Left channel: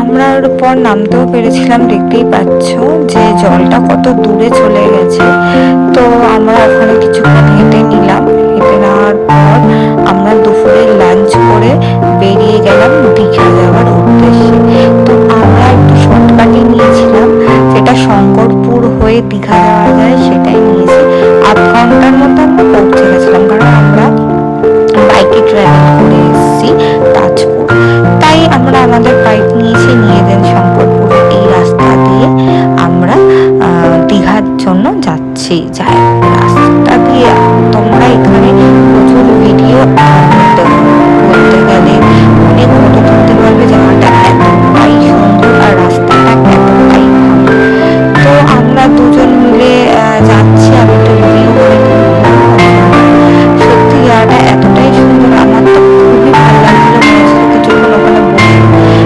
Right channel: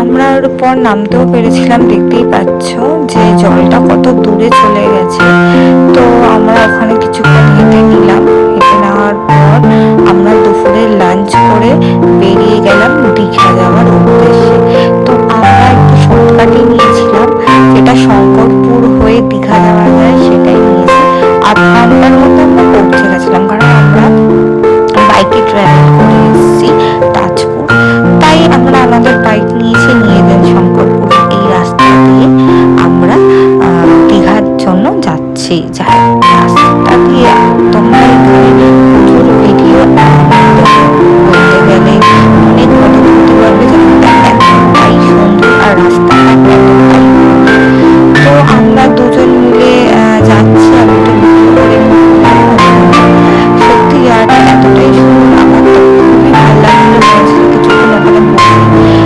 আমরার পর নামতেও পেরেছিলাম, দেখতেই পাচ্ছ যে জলটা কত দূরে চলে গেছে। তো আমরা ওখানে কিছুক্ষণ হেঁটে নিলাম। হেঁটে নেওয়ার পর আমরা দুপুরে লাঞ্চ করে বেরিয়ে গেলাম দীঘা যাওয়ার উদ্দেশ্যে। তো আমরা একটু শর্টকাটই নিয়েছিলাম, যেটা শঙ্করপুর হয়ে দীঘা যাওয়া যায় সেটাই নিয়েছি। 8 ঘন্টার মতো আমরা পৌঁছে গেছিলাম, কারণ আমরা বাইকে ট্রাভেল করে এসেছি তাজপুর। তাই আমরা আমাদের বাইক নিয়ে দেন শঙ্করপুর এই রাস্তা দিয়ে আমরা দীঘার জন্য যাচ্ছি। যাই রাস্তা দিয়ে তোমরা এখানে প্রচুর ভিডিও বলতে গেলে অনেক ফটো তুলতে পারবে, জায়গাটা